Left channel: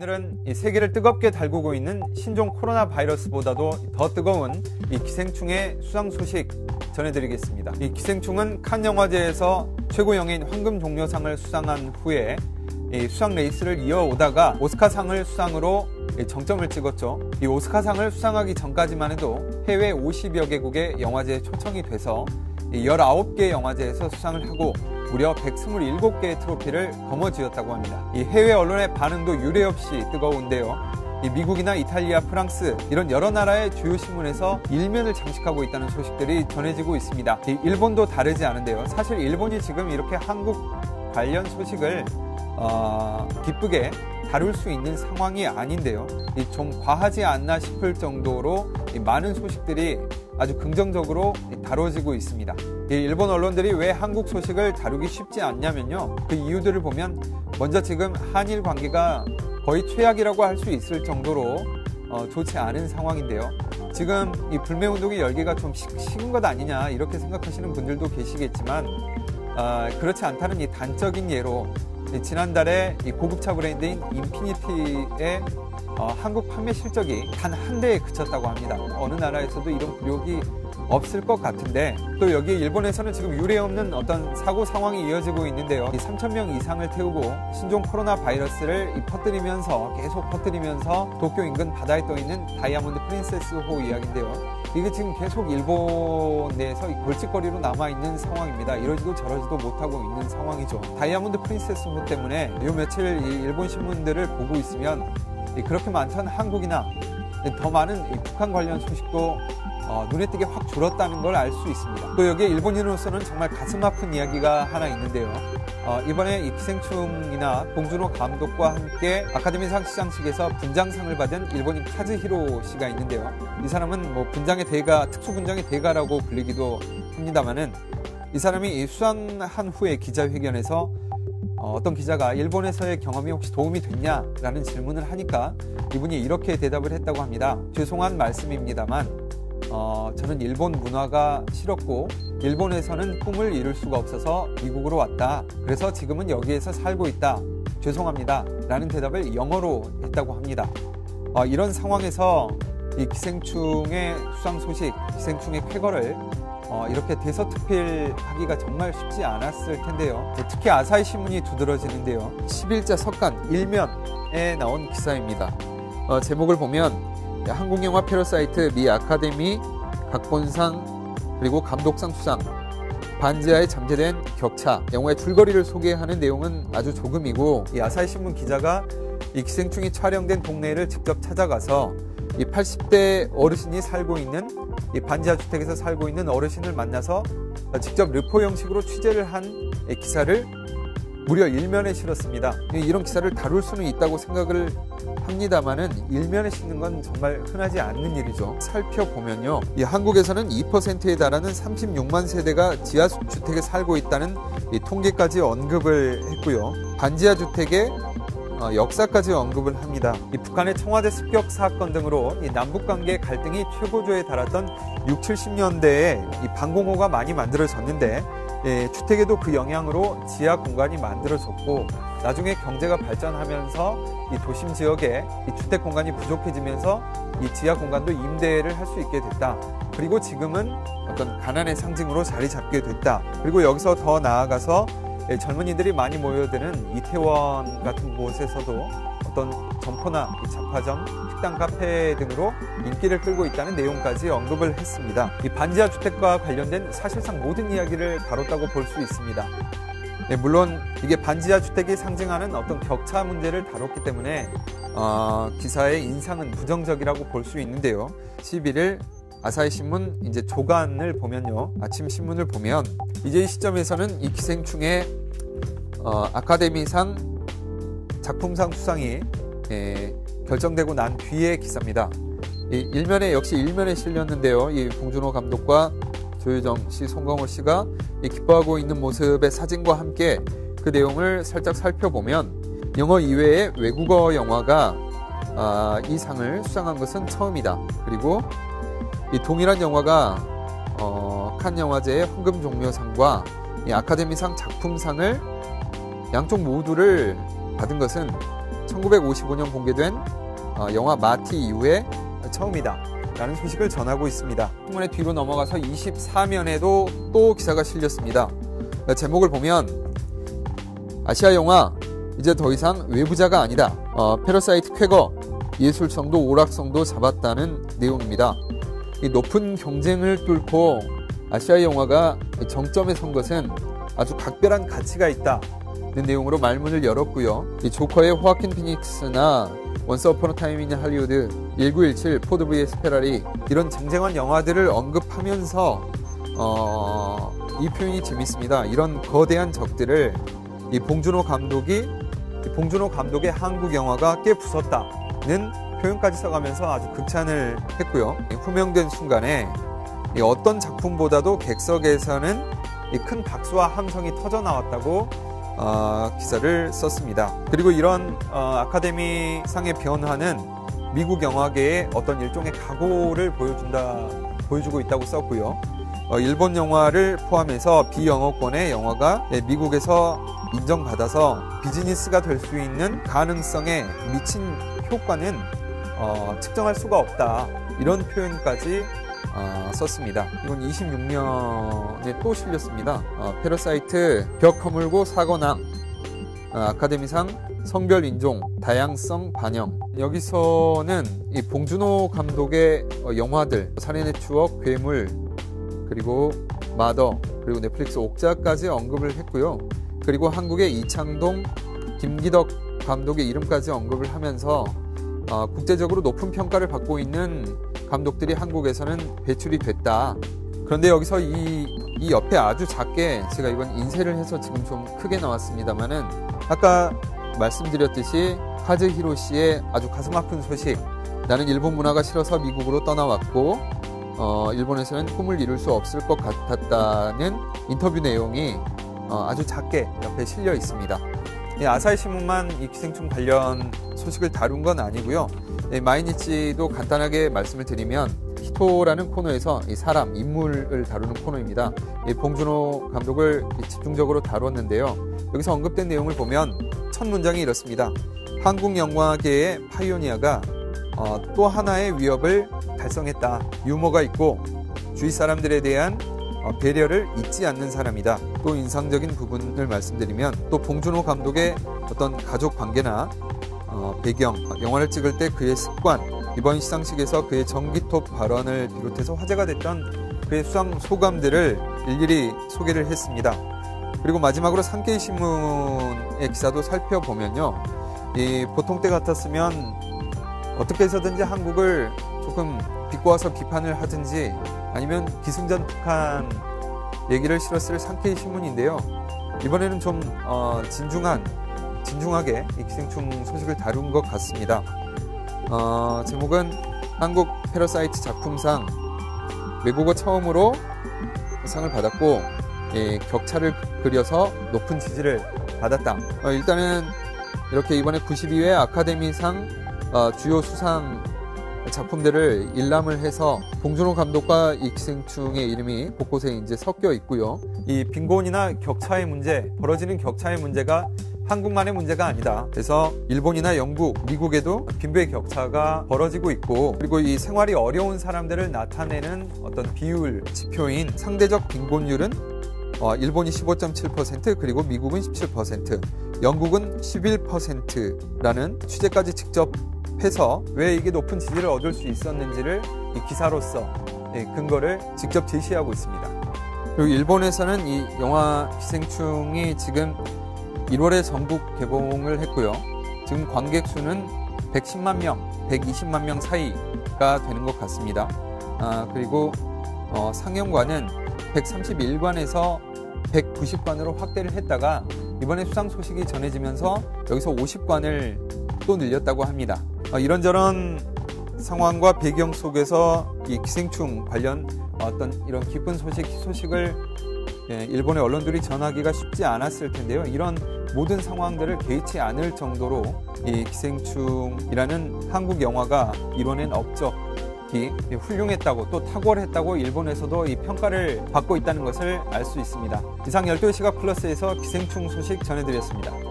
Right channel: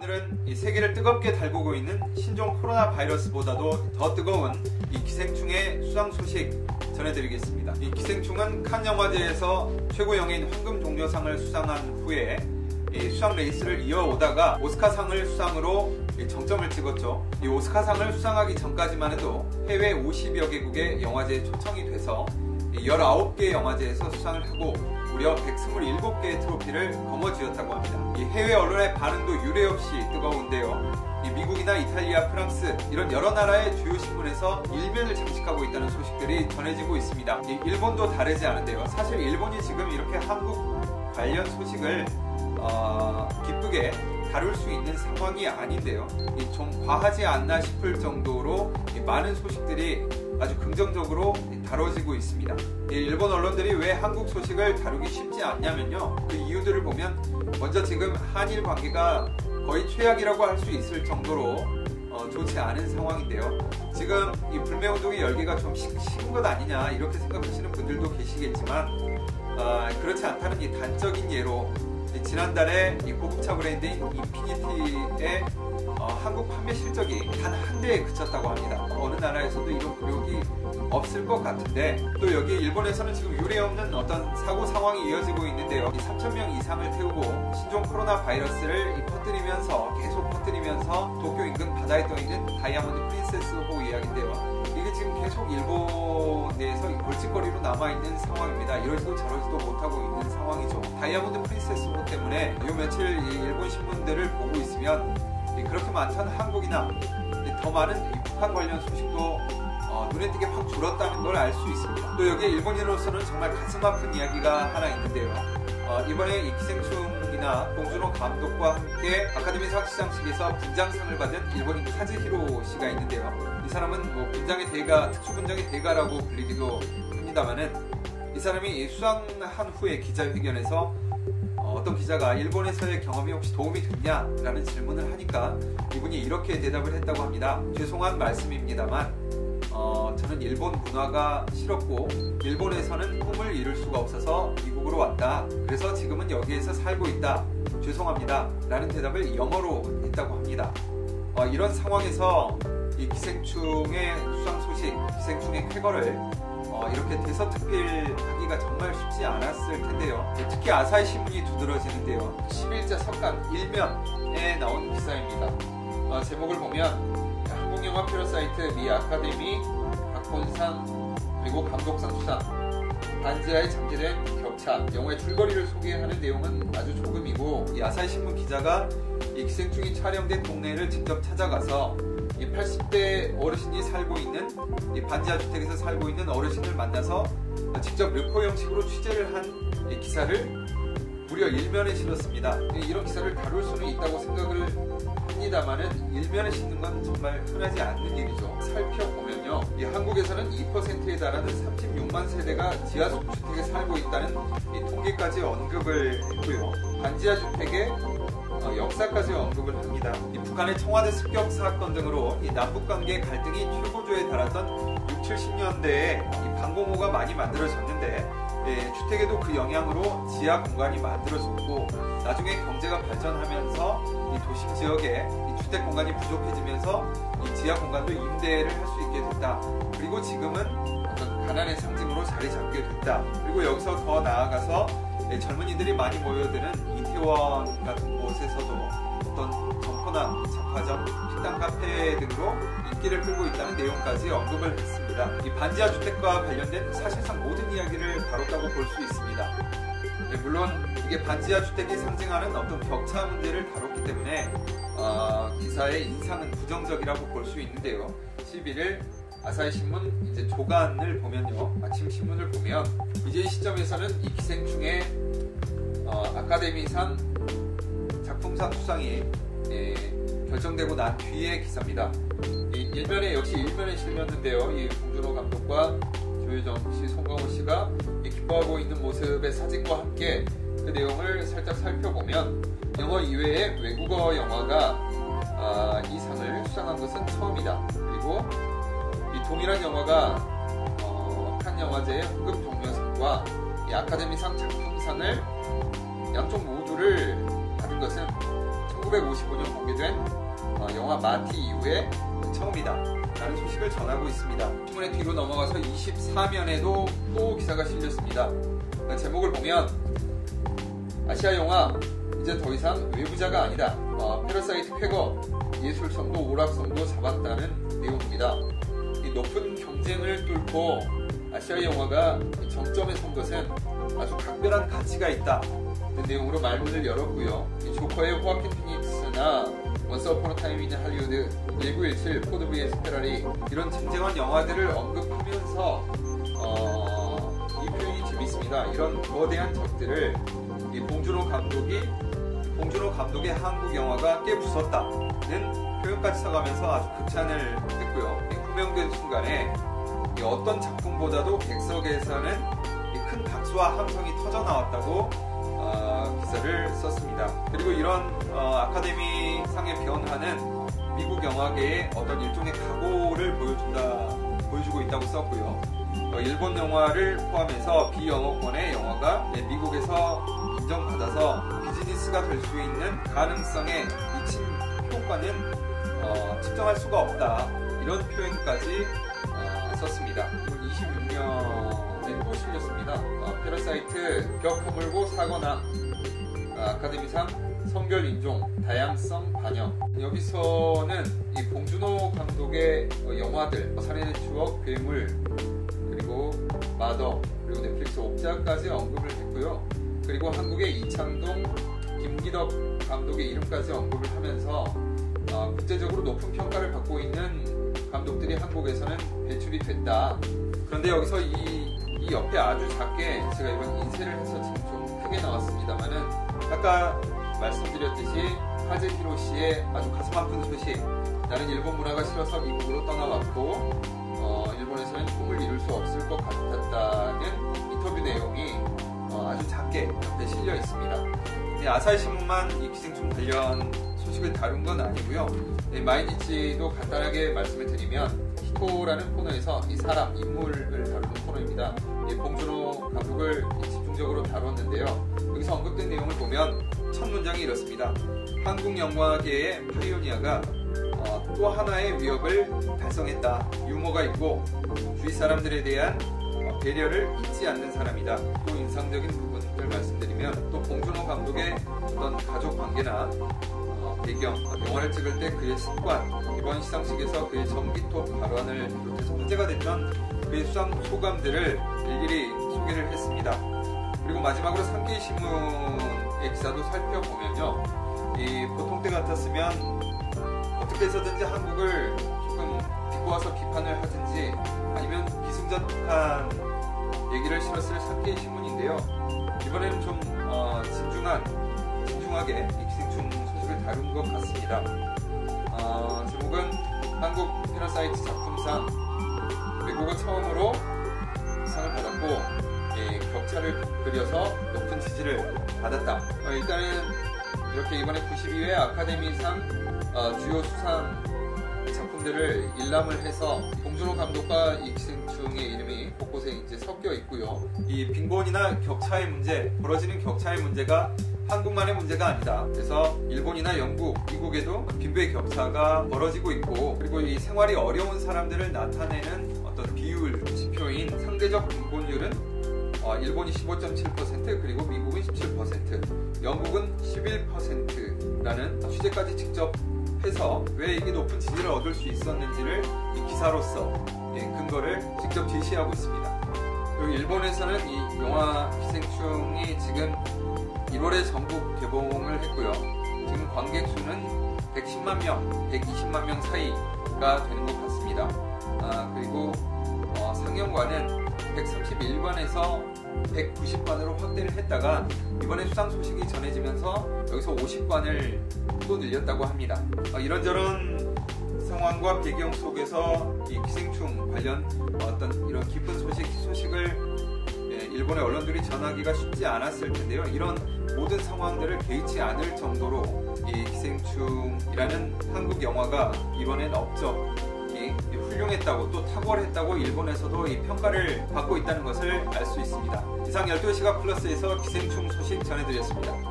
오늘은 이 세계를 뜨겁게 달구고 있는 신종 코로나 바이러스보다도 더 뜨거운 이 기생충의 수상 소식 전해드리겠습니다. 이 기생충은 칸 영화제에서 최고영인 황금종려상을 수상한 후에 이 수상 레이스를 이어오다가 오스카상을 수상으로 정점을 찍었죠. 이 오스카상을 수상하기 전까지만 해도 해외 50여 개국의 영화제에 초청이 돼서 19개 영화제에서 수상을 하고 무려 127개의 트로피를 거머쥐었다고 합니다. 이 해외 언론의 반응도 유례없이 뜨거운데요. 이 미국이나 이탈리아, 프랑스 이런 여러 나라의 주요 신문에서 일면을 장식하고 있다는 소식들이 전해지고 있습니다. 이 일본도 다르지 않은데요. 사실 일본이 지금 이렇게 한국 관련 소식을 기쁘게 다룰 수 있는 상황이 아닌데요. 좀 과하지 않나 싶을 정도로 많은 소식들이 아주 긍정적으로 다뤄지고 있습니다. 일본 언론들이 왜 한국 소식을 다루기 쉽지 않냐면요. 그 이유들을 보면 먼저 지금 한일 관계가 거의 최악이라고 할 수 있을 정도로 좋지 않은 상황인데요. 지금 이 불매운동의 열기가 좀 식은 것 아니냐 이렇게 생각하시는 분들도 계시겠지만 그렇지 않다는 이 단적인 예로 지난달에 이 고급차 브랜드인 인피니티의 한국 판매 실적이 단 한 대에 그쳤다고 합니다. 어느 나라에서도 이런 굴욕이 없을 것 같은데 또 여기 일본에서는 지금 유례없는 어떤 사고 상황이 이어지고 있는데요. 3,000명 이상을 태우고 신종 코로나 바이러스를 계속 퍼뜨리면서 도쿄 인근 바다에 떠있는 다이아몬드 프린세스호 이야기인데요. 이게 지금 계속 일본 내에서 골칫거리로 남아있는 상황입니다. 이러지도 저러지도 못하고 있는 상황이죠. 다이아몬드 프린세스호 때문에 요 며칠 일본 신문들을 보고 있으면 그렇게 많던 한국이나 더 많은 이 북한 관련 소식도 눈에 띄게 확 줄었다는 걸 알 수 있습니다. 또 여기에 일본인으로서는 정말 가슴 아픈 이야기가 하나 있는데요. 이번에 이 기생충이나 봉준호 감독과 함께 아카데미상 시상식에서 분장상을 받은 일본인 카즈히로 씨가 있는데요. 이 사람은 뭐 분장의 대가, 특수분장의 대가라고 불리기도 합니다만은 이 사람이 수상한 후에 기자회견에서 어떤 기자가 일본에서의 경험이 혹시 도움이 됐냐라는 질문을 하니까 이분이 이렇게 대답을 했다고 합니다. 죄송한 말씀입니다만 저는 일본 문화가 싫었고 일본에서는 꿈을 이룰 수가 없어서 미국으로 왔다. 그래서 지금은 여기에서 살고 있다. 죄송합니다. 라는 대답을 영어로 했다고 합니다. 이런 상황에서 이 기생충의 수상 소식, 기생충의 쾌거를 이렇게 대서특필하기가 정말 쉽지 않았을 텐데요. 특히 아사히 신문이 두드러지는데요. 10일자 석간 1면에 나온 기사입니다. 제목을 보면 한국영화 패러사이트 미 아카데미 각본상 그리고 감독상 수상 반지하에 잠재된 격차 영화의 줄거리를 소개하는 내용은 아주 조금이고 이 아사히 신문 기자가 이 기생충이 촬영된 동네를 직접 찾아가서 이 80대 어르신이 살고 있는 이 반지하 주택에서 살고 있는 어르신을 만나서 직접 르포 형식으로 취재를 한 기사를 무려 1면에 실었습니다. 이런 기사를 다룰 수는 있다고 생각을 합니다만은 1면에 싣는 건 정말 흔하지 않는 일이죠. 살펴보면요. 이 한국에서는 2%에 달하는 36만 세대가 지하주택에 살고 있다는 이 통계까지 언급을 했고요. 반지하 주택의 역사까지 언급을 합니다. 이 북한의 청와대 습격 사건 등으로 이 남북관계 갈등이 최고조에 달았던 60, 70년대에 이 방공호가 많이 만들어졌는데 주택에도 그 영향으로 지하 공간이 만들어졌고 나중에 경제가 발전하면서 이 도심 지역에 이 주택 공간이 부족해지면서 이 지하 공간도 임대를 할 수 있게 됐다. 그리고 지금은 어떤 가난의 상징으로 자리 잡게 됐다. 그리고 여기서 더 나아가서 젊은이들이 많이 모여드는 이태원 같은 곳에서도 어떤 점포나 잡화점, 식당, 카페 등으로 인기를 끌고 있다는 내용까지 언급을 했습니다. 이 반지하 주택과 관련된 사실상 모든 이야기를 다뤘다고 볼 수 있습니다. 물론 이게 반지하 주택이 상징하는 어떤 격차 문제를 다뤘기 때문에 기사의 인상은 부정적이라고 볼 수 있는데요. 11일 아사히 신문 이제 조간을 보면요. 아침 신문을 보면 이제 이 시점에서는 이 기생충의 아카데미상 작품상 수상이 결정되고 난 뒤의 기사입니다. 이 1면에 역시 1면에 실렸는데요. 이 봉준호 감독과 조유정 씨, 송강호 씨가 기뻐하고 있는 모습의 사진과 함께 그 내용을 살짝 살펴보면 영어 이외에 외국어 영화가 이 상을 수상한 것은 처음이다. 그리고 이 동일한 영화가 칸 영화제의 황금종려상과 이 아카데미상 작품상을 양쪽 모두를 받은 것은 1955년 공개된 영화 마티 이후에 처음이다 라는 소식을 전하고 있습니다. 신문의 뒤로 넘어가서 24면에도 또 기사가 실렸습니다. 제목을 보면 아시아 영화 이제 더 이상 외부자가 아니다. 패러사이트 쾌거 예술성도 오락성도 잡았다는 내용입니다. 이 높은 경쟁을 뚫고 아시아 영화가 정점에 선 것은 아주 각별한 가치가 있다. 그 내용으로 말문을 열었고요. 이 조커의 호아킨 피닉스나 원스 어폰 어 타임 인 할리우드, 1917, 포드 vs 페라리 이런 쟁쟁한 영화들을 언급하면서 이 표현이 재밌습니다. 이런 거대한 적들을 이 봉준호 감독의 한국 영화가 깨부쉈다는 표현까지 써가면서 아주 극찬을 했고요. 호명된 순간에 어떤 작품보다도 객석에서는 큰 박수와 함성이 터져 나왔다고 기사를 썼습니다. 그리고 이런 아카데미상의 변화는 미국 영화계의 어떤 일종의 각오를 보여주고 있다고 썼고요. 일본 영화를 포함해서 비영어권의 영화가 미국에서 인정받아서 비즈니스가 될 수 있는 가능성에 미친 효과는 측정할 수가 없다. 이런 표현까지 썼습니다. 이건 26년에 또 실렸습니다. 패러사이트 벽 허물고 사거남 아카데미상 성별 인종 다양성 반영. 여기서는 이 봉준호 감독의 영화들 살인의 추억, 괴물, 그리고 마더, 그리고 넷플릭스 옥자까지 언급을 했고요. 그리고 한국의 이창동, 김기덕 감독의 이름까지 언급을 하면서 국제적으로 높은 평가를 받고 있는 감독들이 한국에서는 배출이 됐다. 그런데 여기서 이 옆에 아주 작게 제가 이번 인쇄를 해서 지금 좀 크게 나왔습니다만은 아까 말씀드렸듯이 카즈히로 씨의 아주 가슴 아픈 소식. 나는 일본 문화가 싫어서 미국으로 떠나왔고 일본에서는 꿈을 이룰 수 없을 것 같았다는 인터뷰 내용이 아주 작게 옆에 실려 있습니다. 아사히 신문만 이 기생충 관련 소식을 다룬 건 아니고요. 마이니치도 간단하게 말씀을 드리면 히토라는 코너에서 이 사람, 인물을 다루는 코너입니다. 봉준호 감독을 집중적으로 다뤘는데요. 여기서 언급된 내용을 보면 첫 문장이 이렇습니다. 한국 영화계의 파이오니아가 또 하나의 위협을 달성했다. 유머가 있고 주위 사람들에 대한 배려를 잊지 않는 사람이다. 또 인상적인 부분을 말씀드리면 또 봉준호 감독의 어떤 가족 관계나 배경, 영화를 찍을 때 그의 습관, 이번 시상식에서 그의 전기톱 발언을 비롯해서 화제가 됐던 그의 수상 소감들을 일일이 소개를 했습니다. 그리고 마지막으로 산케이 신문의 기사도 살펴보면요. 보통 때 같았으면 어떻게 해서든지 한국을 조금 비꼬아서 비판을 하든지 아니면 기승전축한 얘기를 실었을 산케이 신문인데요. 이번에는 좀 진중하게 이 기생충 소식을 다룬 것 같습니다. 제목은 한국 패러사이트 작품상 외국어 처음으로 상을 받았고 격차를 그려서 높은 지지를 받았다. 일단은 이렇게 이번에 92회 아카데미상 주요 수상 작품들을 일람을 해서 봉준호 감독과 이 기생충의 이름이 곳곳에 이제 섞여 있고요. 이 빈곤이나 격차의 문제, 벌어지는 격차의 문제가 한국만의 문제가 아니다. 그래서 일본이나 영국, 미국에도 빈부의 격차가 벌어지고 있고, 그리고 이 생활이 어려운 사람들을 나타내는 어떤 비율, 지표인 상대적 빈곤율은 일본이 15.7%, 그리고 미국은 17%, 영국은 11%라는 취재까지 직접 해서 왜 이게 높은 지지를 얻을 수 있었는지를 이 기사로서 근거를 직접 제시하고 있습니다. 그리고 일본에서는 이 영화 기생충이 지금 1월에 전국 개봉을 했고요. 지금 관객 수는 110만 명, 120만 명 사이가 되는 것 같습니다. 그리고 상영관은 131관에서 190관으로 확대를 했다가 이번에 수상 소식이 전해지면서 여기서 50관을 또 늘렸다고 합니다. 이런저런 상황과 배경 속에서 이 기생충 관련 어떤 이런 기쁜 소식을 일본의 언론들이 전하기가 쉽지 않았을 텐데요. 이런 모든 상황들을 개의치 않을 정도로 이 기생충이라는 한국 영화가 이뤄낸 업적이 훌륭했다고 또 탁월했다고 일본에서도 이 평가를 받고 있다는 것을 알 수 있습니다. 이상 12시각 플러스에서 기생충 소식 전해드렸습니다.